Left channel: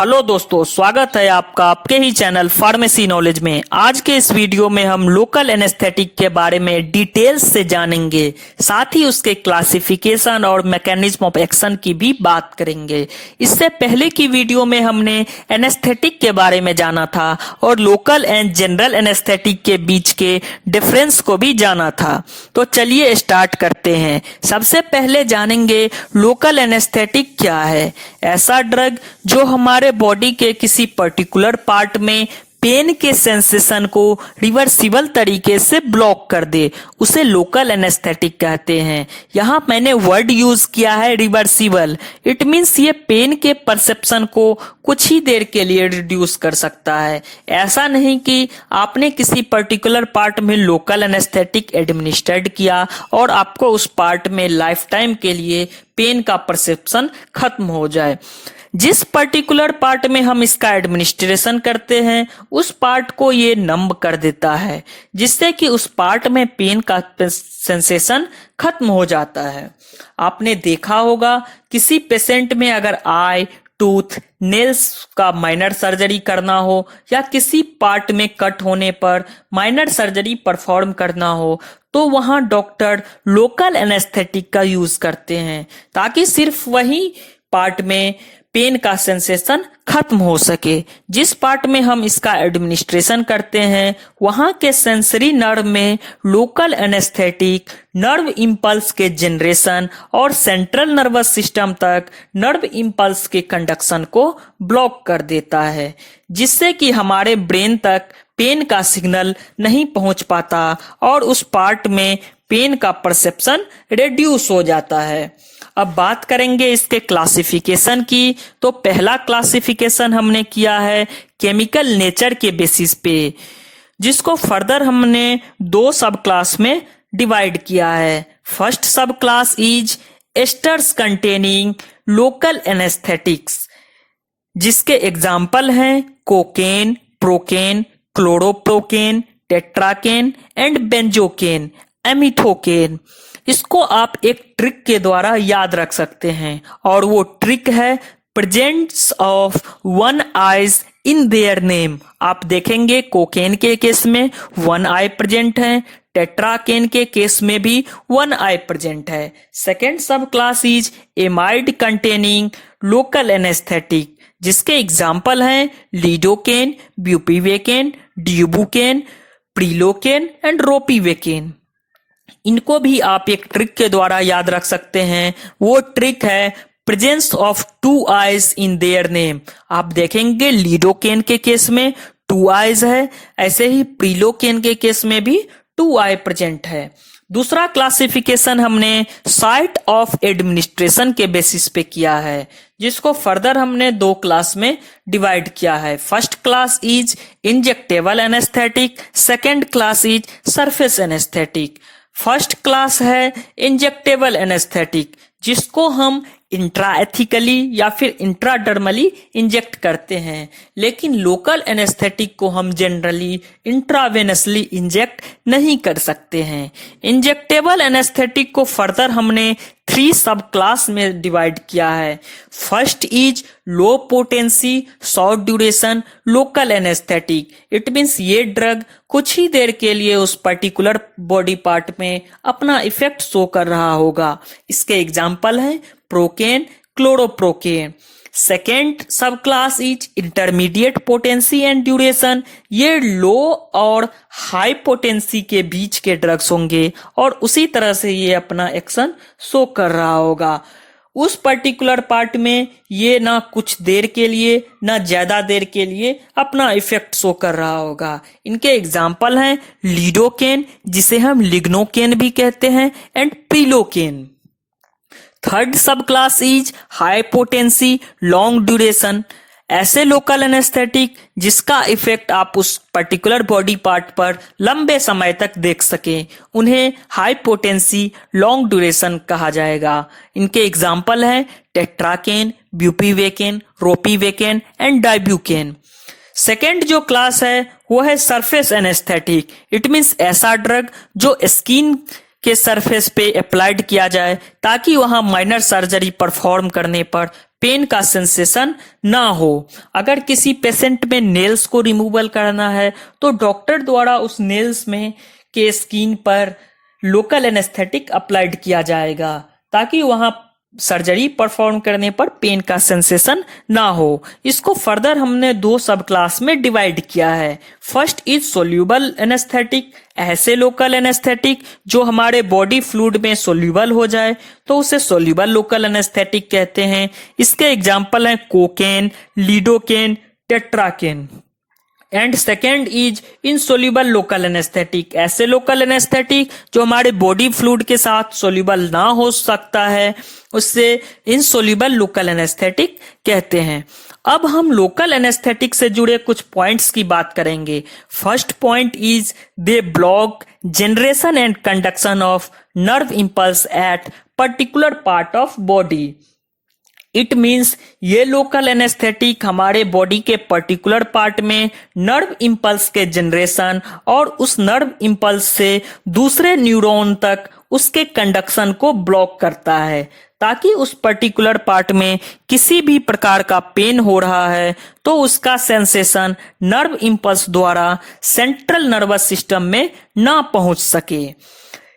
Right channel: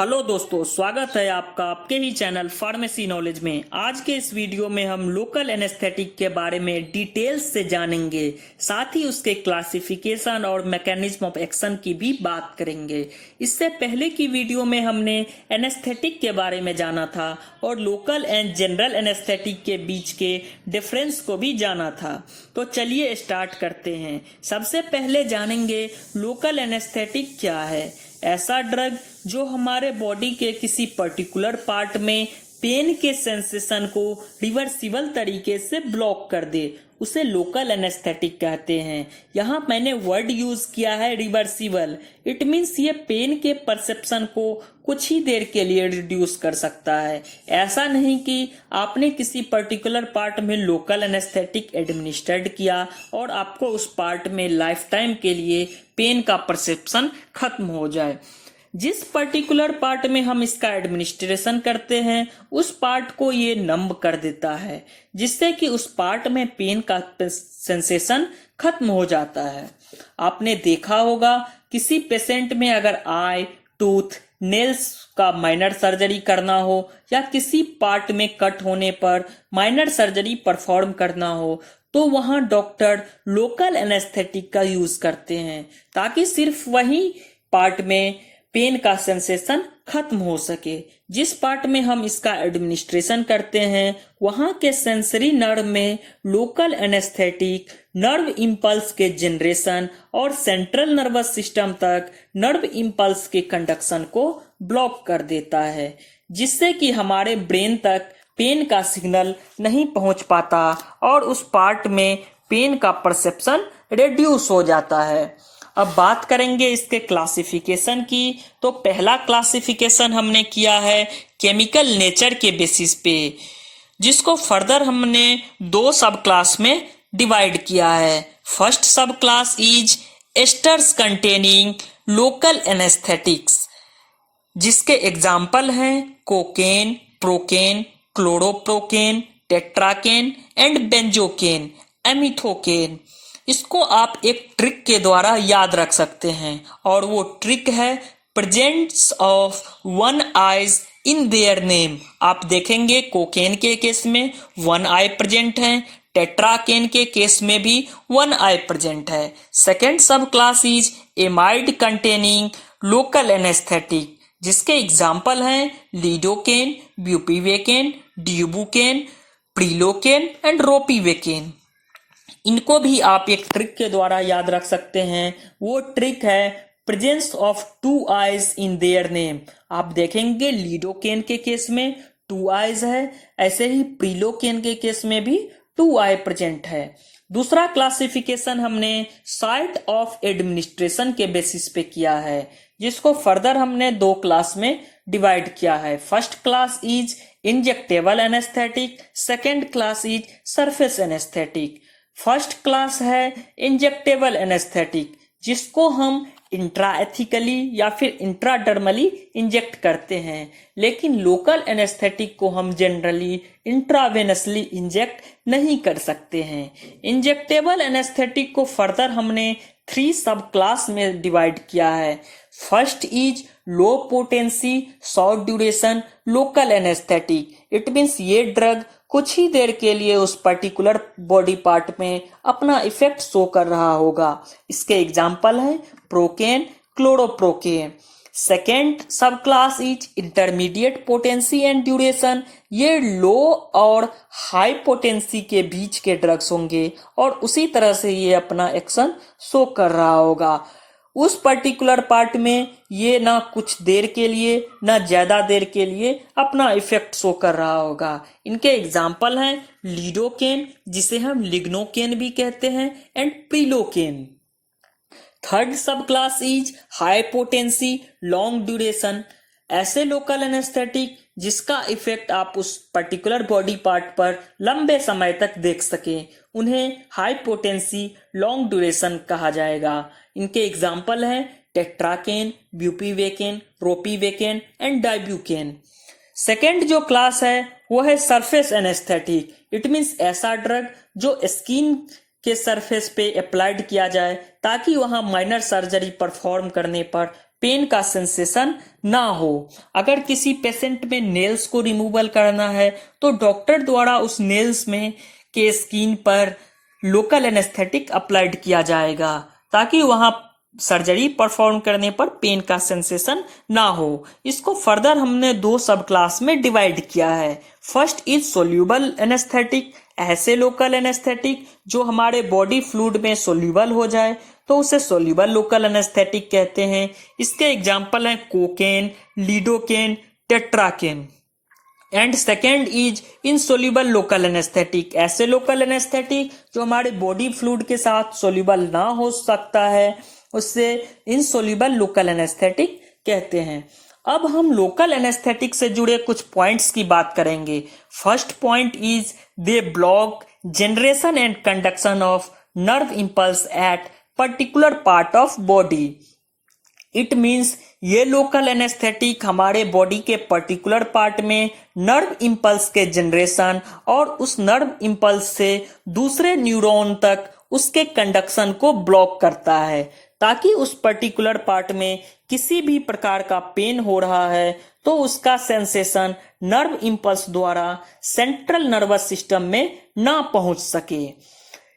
Hello दोस्तों, स्वागत है आपका आपके ही चैनल फार्मेसी नॉलेज में। आज के इस वीडियो में हम लोकल एनेस्थेटिक के बारे में डिटेल्स से जानेंगे, साथ ही उसके क्लासिफिकेशन और मैकेनिज्म ऑफ एक्शन की भी बात करेंगे। इससे पहले की वीडियो में हमने एनेस्थेटिक के बारे में जाना था और लोकल एंड जनरल एनेस्थेटिक के बीच के डिफरेंस को भी जाना था। तो चलिए स्टार्ट करते हैं। सबसे पहले जानेंगे लोकल एनेस्थेटिक क्या है। ऐसा ड्रग जो हमारे बॉडी के किसी पर्टिकुलर पार्ट में पेन के सेंसेशन को रिवर्सिबल तरीके से ब्लॉक कर दे, उसे लोकल एनेस्थेटिक कहते हैं। यहाँ मैंने वर्ड यूज किया है रिवर्सिबल। इट मीन्स ये पेन के परसेप्शन को कुछ ही देर के लिए रिड्यूस कर सकता है। ऐसा नहीं कि आपने किसी पर्टिकुलर पार्ट में लोकल एनेस्थेटिक एडमिनिस्ट्रेट किया और आपको उस पार्ट में लाइफ टाइम के लिए पेन का परसेप्शन खत्म हो जाए। जिस पर्टिकुलर पार्ट में हम इसका एडमिनिस्ट्रेशन करते हैं उस पार्ट को ये नंब कर देता है, जिससे कि उस पार्ट में पेन का सेंसेशन खत्म हो जाता है। आपने देखा होगा किसी पेशेंट में अगर आई, टूथ, नेल्स का माइनर सर्जरी करना हो या किसी पार्ट में कट होने पर माइनर सर्जरी परफॉर्म करना हो तो वहां डॉक्टर लोकल एनेस्थेटिक का यूज करते हैं, ताकि सिर्फ वही पार्ट में पेन का सेंसेशन खत्म हो सके। जिस पार्ट में हम इसका एडमिनिस्ट्रेशन करते हैं वहां के सेंसरी नर्व में लोकल एनेस्थेटिक नर्व इंपल्स के जनरेशन और सेंट्रल नर्वस सिस्टम तक नर्व इंपल्स के कंडक्शन को ब्लॉक कर देता है, जिससे कि हमारे ब्रेन तक पेन का सिग्नल नहीं पहुंच पाता और उस पार्ट में पेन का परसेप्शन रिड्यूस हो जाता है। अब बात करेंगे इसके क्लासिफिकेशन की। तो पहला क्लासिफिकेशन हमने किया है केमिकल नेचर के बेसिस पे, जिसको फर्दर हमने दो सब क्लास में डिवाइड किया है। First sub class is esters containing local anesthetics, जिसके एग्जाम्पल हैं cocaine, procaine, chloroprocaine, tetracaine and benzocaine, amethocaine. इसको आप एक ट्रिक के द्वारा याद रख सकते हैं और वो ट्रिक है presence of one eyes in their name. आप देखेंगे कोकेन के केस में वन आई प्रेजेंट है, टेट्राकेन के केस में भी वन आई प्रेजेंट है। सेकेंड सब class is amide containing local anaesthetic, जिसके एग्जाम्पल हैं लीडोकेन, ब्यूपीवेकेन, ड्यूबुकेन, प्रिलोकेन एंड रोपीवेकेन। इनको भी आप एक ट्रिक के द्वारा याद रख सकते हैं। वो ट्रिक है presence of two eyes in their name. आप देखेंगे लीडोकेन के केस में टू आइज है, ऐसे ही प्रिलोकेन के केस में भी टू आई प्रेजेंट है। दूसरा क्लासिफिकेशन हमने साइट ऑफ एडमिनिस्ट्रेशन के बेसिस पे किया है, जिसको फर्दर हमने दो क्लास में डिवाइड किया है। First class is injectable anaesthetic, second class is surface anaesthetic. First class है इंजेक्टेबल एनेस्थेटिक, जिसको हम इंट्राएथिकली या फिर इंट्राडर्मली इंजेक्ट करते हैं, लेकिन लोकल एनेस्थेटिक को हम जनरली इंट्रावेनसली इंजेक्ट नहीं कर सकते हैं। इंजेक्टेबल एनेस्थेटिक को फर्दर हमने थ्री सब क्लास में डिवाइड किया है। First is low potency short duration local anaesthetic. It means ये ड्रग कुछ ही देर के लिए उस पर्टिकुलर बॉडी पार्ट में अपना इफेक्ट शो कर रहा होगा। इसके एग्जाम्पल हैं प्रोकेन, क्लोरोप्रोकेन। सेकेंड सब class is intermediate potency and duration. ये लो और हाई पोटेंसी के बीच के ड्रग्स होंगे और उसी तरह से ये अपना एक्शन शो कर रहा होगा। उस पर्टिकुलर पार्ट में ये ना कुछ देर के लिए ना ज्यादा देर के लिए अपना इफेक्ट शो कर रहा होगा। इनके एग्जाम्पल हैं लीडोकेन, जिसे हम लिग्नोकेन भी कहते हैं, एंड प्रिलोकेन। थर्ड सब class is high potency long duration. ऐसे लोकल एनेस्थेटिक जिसका इफेक्ट आप उस पर्टिकुलर बॉडी पार्ट पर लंबे समय तक देख सके, उन्हें हाई पोटेंसी लॉन्ग ड्यूरेशन कहा जाएगा। इनके एग्जाम्पल हैं टेट्राकेन, ब्यूपीवेकेन, रोपीवेकेन एंड डाइब्यूकेन। सेकेंड जो क्लास है वो है सरफेस एनेस्थेटिक। इट मीन्स ऐसा ड्रग जो स्किन के सरफेस पे अप्लाइड किया जाए ताकि वहां माइनर सर्जरी परफॉर्म करने पर पेन का सेंसेशन ना हो। अगर किसी पेशेंट में नेल्स को रिमूवल करना है तो डॉक्टर द्वारा उस नेल्स में के स्किन पर लोकल एनेस्थेटिक अप्लाइड किया जाएगा ताकि वहां सर्जरी परफॉर्म करने पर पेन का सेंसेशन ना हो। इसको फर्दर हमने दो सब क्लास में डिवाइड किया है। फर्स्ट इज सोल्यूबल एनेस्थेटिक, ऐसे लोकल एनेस्थेटिक जो हमारे बॉडी फ्लूइड में सोल्यूबल हो जाए तो उसे सोल्यूबल लोकल एनेस्थेटिक कहते हैं। इसके एग्जांपल हैं cocaine, lidocaine, tetracaine. And second is insoluble local anaesthetic, ऐसे लोकल एनेस्थेटिक जो हमारे बॉडी फ्लूइड के साथ सोल्यूबल ना हो सकता है उससे इनसोल्यूबल लोकल एनेस्थेटिक कहते हैं। अब हम लोकल एनेस्थेटिक से जुड़े कुछ पॉइंट्स की बात करेंगे। First point is they block generation and conduction of nerve impulse at particular part of body. It means ये लोकल एनेस्थेटिक हमारे बॉडी के पर्टिकुलर पार्ट में नर्व इंपल्स के जनरेशन और उस नर्व इंपल्स से दूसरे न्यूरॉन तक उसके कंडक्शन को ब्लॉक करता है ताकि उस पर्टिकुलर पार्ट में किसी भी प्रकार का पेन हो रहा है तो उसका सेंसेशन नर्व इंपल्स द्वारा सेंट्रल नर्वस सिस्टम में ना पहुंच सके।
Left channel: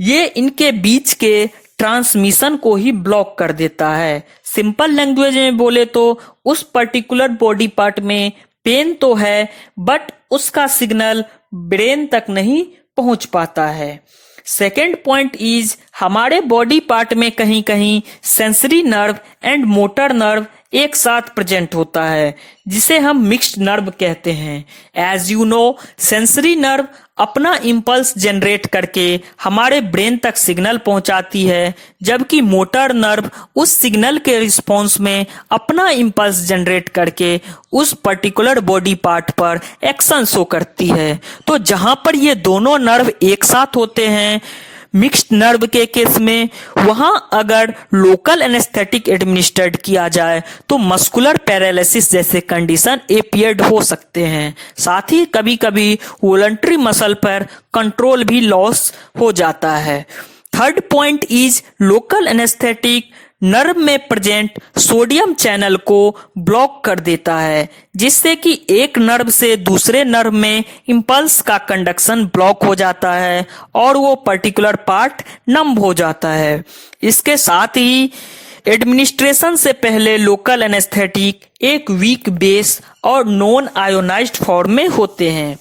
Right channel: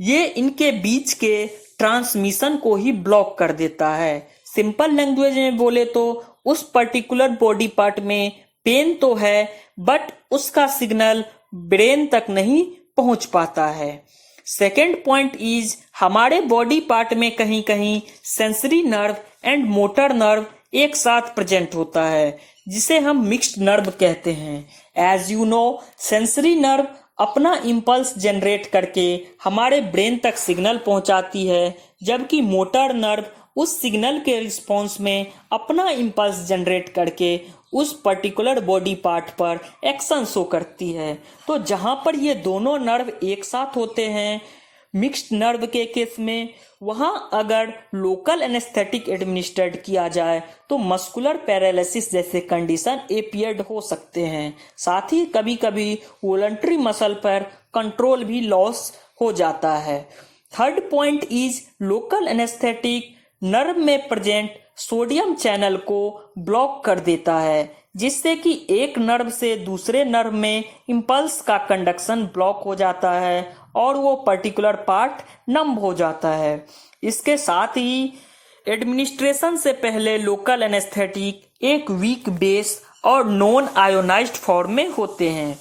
ये इनके बीच के ट्रांसमिशन को ही ब्लॉक कर देता है। सिंपल लैंग्वेज में बोले तो उस पर्टिकुलर बॉडी पार्ट में पेन तो है बट उसका सिग्नल ब्रेन तक नहीं पहुंच पाता है। सेकेंड पॉइंट इज हमारे बॉडी पार्ट में कहीं कहीं sensory nerve and motor nerve एक साथ प्रेजेंट होता है जिसे हम मिक्स्ड नर्व कहते हैं। As you know sensory nerve अपना इंपल्स जनरेट करके हमारे ब्रेन तक सिग्नल पहुंचाती है जबकि मोटर नर्व उस सिग्नल के रिस्पॉन्स में अपना इंपल्स जनरेट करके उस पर्टिकुलर बॉडी पार्ट पर एक्शन शो करती है। तो जहां पर ये दोनों नर्व एक साथ होते हैं मिक्स्ड नर्व के केस में वहां अगर लोकल एनेस्थेटिक एडमिनिस्ट्रेट किया जाए तो मस्कुलर पैरालिसिस जैसे कंडीशन अपीयर्ड हो सकते हैं। साथ ही कभी कभी वॉलंटरी मसल पर कंट्रोल भी लॉस हो जाता है। Third point is local anaesthetic nerve में प्रेजेंट सोडियम चैनल को ब्लॉक कर देता है जिससे कि एक नर्व से दूसरे नर्व में इंपल्स का कंडक्शन ब्लॉक हो जाता है और वो पर्टिकुलर पार्ट नम हो जाता है। इसके साथ ही एडमिनिस्ट्रेशन से पहले लोकल एनेस्थेटिक एक वीक बेस और नॉन आयोनाइज्ड फॉर्म में होते हैं।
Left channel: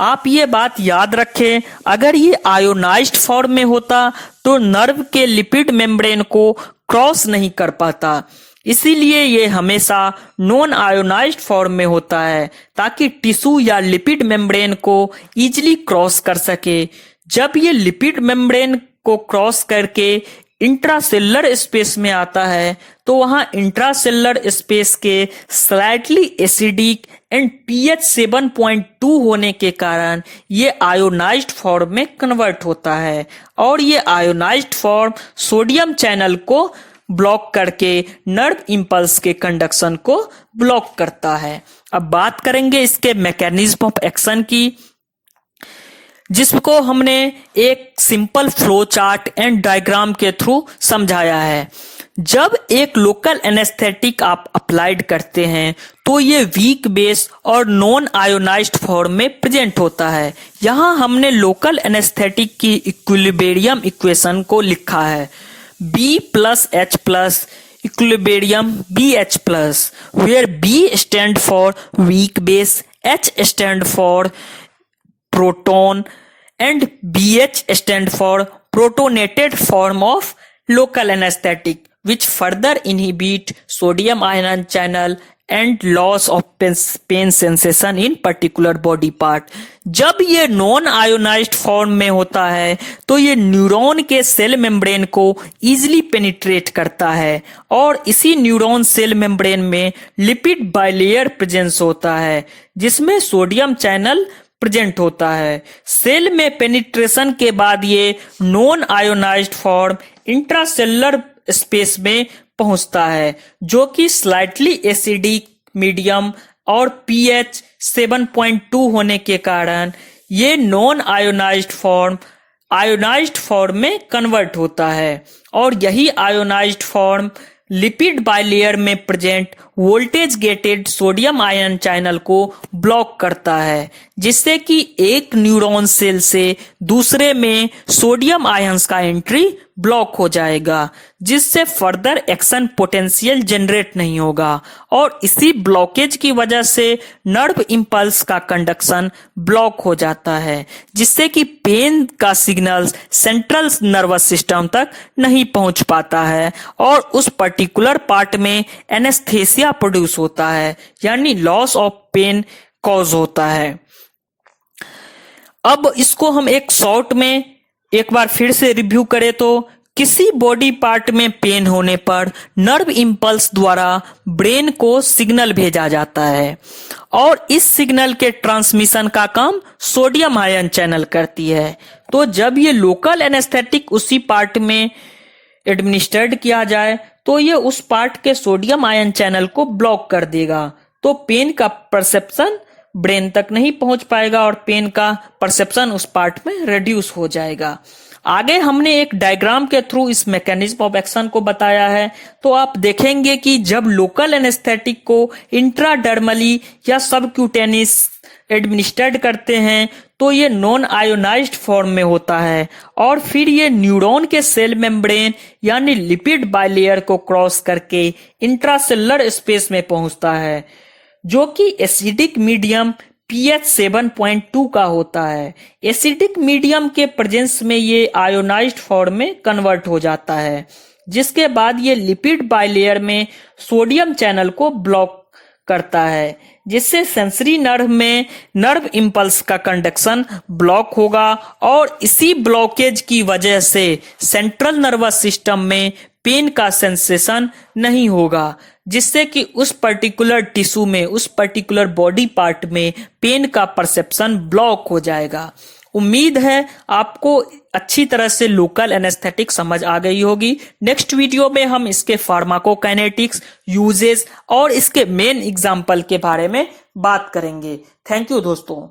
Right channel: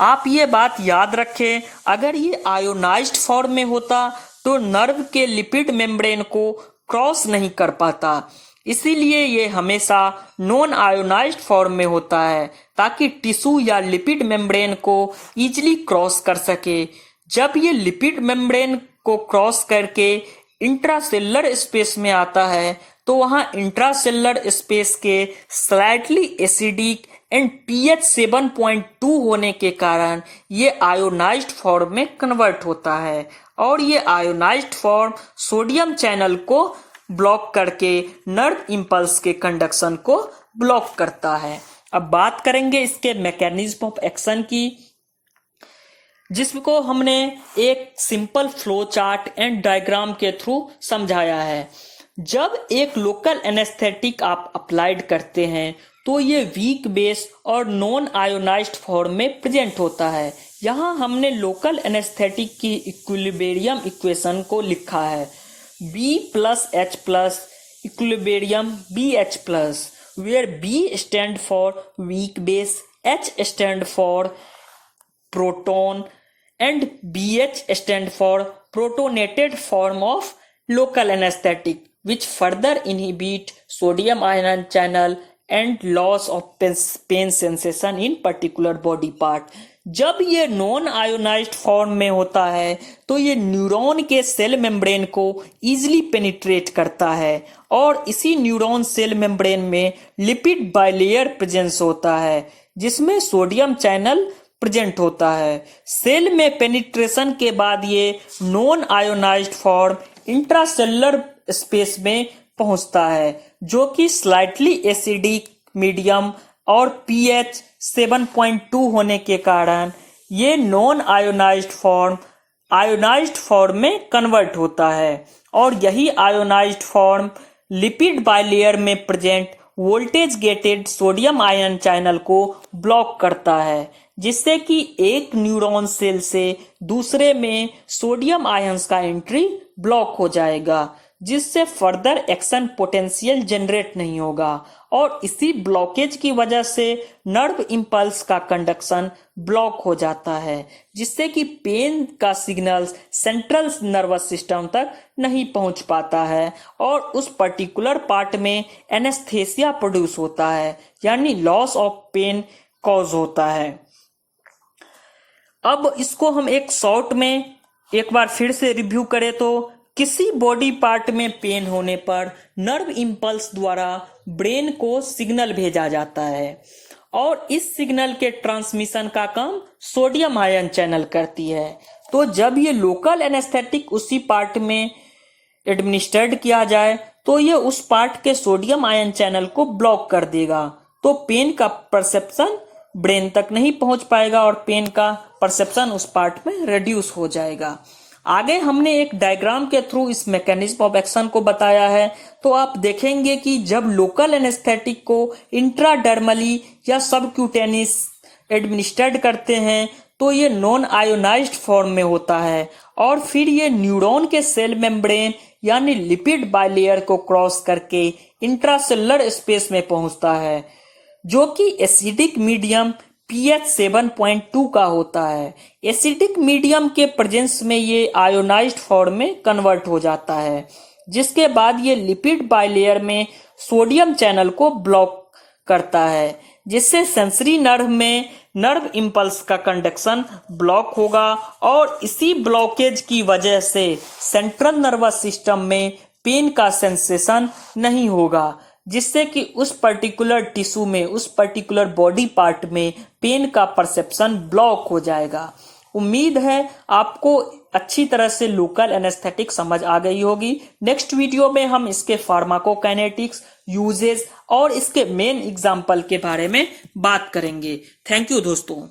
आप ये बात याद रखें, अगर ये आयोनाइज्ड फॉर्म में होता तो नर्व के लिपिड मेम्ब्रेन को क्रॉस नहीं कर पाता, इसीलिए ये हमेशा नॉन आयोनाइज्ड फॉर्म में होता है ताकि टिश्यू या लिपिड मेम्ब्रेन को इजीली क्रॉस कर सके। जब ये लिपिड मेम्ब्रेन को क्रॉस करके इंट्रासेलुलर स्पेस में आता है तो वहां इंट्रासेलुलर स्पेस के स्लाइटली एसिडिक एंड पीएच 7.2 होने के कारण ये आयोनाइज्ड फॉर्म में कन्वर्ट होता है और ये आयोनाइज्ड फॉर्म सोडियम चैनल को ब्लॉक करके नर्व इंपल्स के कंडक्शन को ब्लॉक करता है। अब बात करेंगे इसके मैकेनिज्म ऑफ एक्शन की, जिसको हमने एक simple flow chart and diagram के थ्रू समझाया है। जब एक लोकल एनेस्थेटिक आप अप्लाइड करते हैं तो ये वीक बेस और नॉन आयोनाइज्ड फॉर्म में प्रेजेंट होता है। यहाँ हमने लोकल एनेस्थेटिक की इक्विलिब्रियम इक्वेशन को लिखा है B plus H plus equilibrium BH plus, where B stand for weak base, H stand for proton and BH stand for protonated form of local anesthetic which further inhibit sodium ion channel and loss of pain sensation in particular body part। जब ये non ionised form में होता है तो ये neuron के cell membrane को easily penetrate करता है और इसी न्यूरॉन सेल मेम्ब्रेन में लिपिड बाइलेयर प्रेजेंस होता है जिसमें सोडियम चैनल प्रेजेंट होता है। सेल में पेनिट्रेशन के बाद ये non ionised form intracellular space में पहुंचता है जो कि स्लाइटली एसिडिक मीडियम और पीएच 7.2 होने के कारण ये नॉन आयोनाइज्ड फॉर्म में कन्वर्ट होता है और यही आयोनाइज्ड फॉर्म लिपिड बाइलेयर में present voltage gated sodium ion channel को ब्लॉक करता है, जिससे कि एक न्यूरॉन सेल से दूसरे में सोडियम आयंस का एंट्री ब्लॉक हो जाएगा, जिससे फर्दर एक्शन पोटेंशियल जनरेट नहीं होगा और इसी ब्लॉकेज की वजह से नर्व इंपल्स का कंडक्शन ब्लॉक हो जाता है, जिससे कि पेन का सिग्नल्स सेंट्रल नर्वस सिस्टम तक नहीं पहुंच पाता है और उस पर्टिकुलर पार्ट में एनेस्थेसिया प्रोड्यूस होता है, यानी लॉस ऑफ पेन कॉज होता है। अब इसको हम एक शॉर्ट में एक बार फिर से रिव्यू करें तो किसी बॉडी पार्ट में पेन होने पर नर्व इंपल्स द्वारा ब्रेन को सिग्नल भेजा जाता है और इस सिग्नल के ट्रांसमिशन का काम सोडियम आयन चैनल करती है। तो जब ये लोकल एनेस्थेटिक उसी पार्ट में एडमिनिस्टर्ड किया जाए तो ये उस पार्ट के सोडियम आयन चैनल को ब्लॉक कर देगा, तो पेन का परसेप्शन ब्रेन तक नहीं पहुंच पाएगा और पेन का परसेप्शन उस पार्ट में रिड्यूस हो जाएगा। आगे हमने एक डायग्राम के थ्रू इस मैकेनिज्म ऑफ एक्शन को बताया है। तो आप देखेंगे कि जब लोकल एनेस्थेटिक को इंट्राडर्मली या सबक्यूटेनियस एडमिनिस्टर्ड करते हैं तो ये नॉन आयोनाइज्ड फॉर्म में होता है और फिर ये न्यूरॉन के सेल मेम्ब्रेन यानी लिपिड बाइलेयर को क्रॉस करके इंट्रासेलुलर स्पेस में पहुंचता है, जो कि एसिडिक मीडियम pH 7.2 का होता है। एसिडिक मीडियम के प्रेजेंस में ये आयोनाइज्ड फॉर्म में कन्वर्ट हो जाता है, जिसके बाद ये लिपिड बाइलेयर में सोडियम चैनल को ब्लॉक करता है, जिससे सेंसरी नर्व में नर्व इंपल्स का कंडक्शन ब्लॉक होगा और इसी ब्लॉकेज की वजह से सेंट्रल नर्वस सिस्टम में पेन का सेंसेशन नहीं होगा, जिससे कि उस पर्टिकुलर टिश्यू में उस पर्टिकुलर बॉडी पार्ट में पेन का परसेप्शन ब्लॉक हो जाएगा। उम्मीद है आपको अच्छी तरह से लोकल एनेस्थेटिक समझ आ गई होगी। नेक्स्ट वीडियो में हम इसके फार्माकोकाइनेटिक्स, यूजेस और इसके मेन एग्जाम्पल के बारे में बात करेंगे। थैंक यू दोस्तों।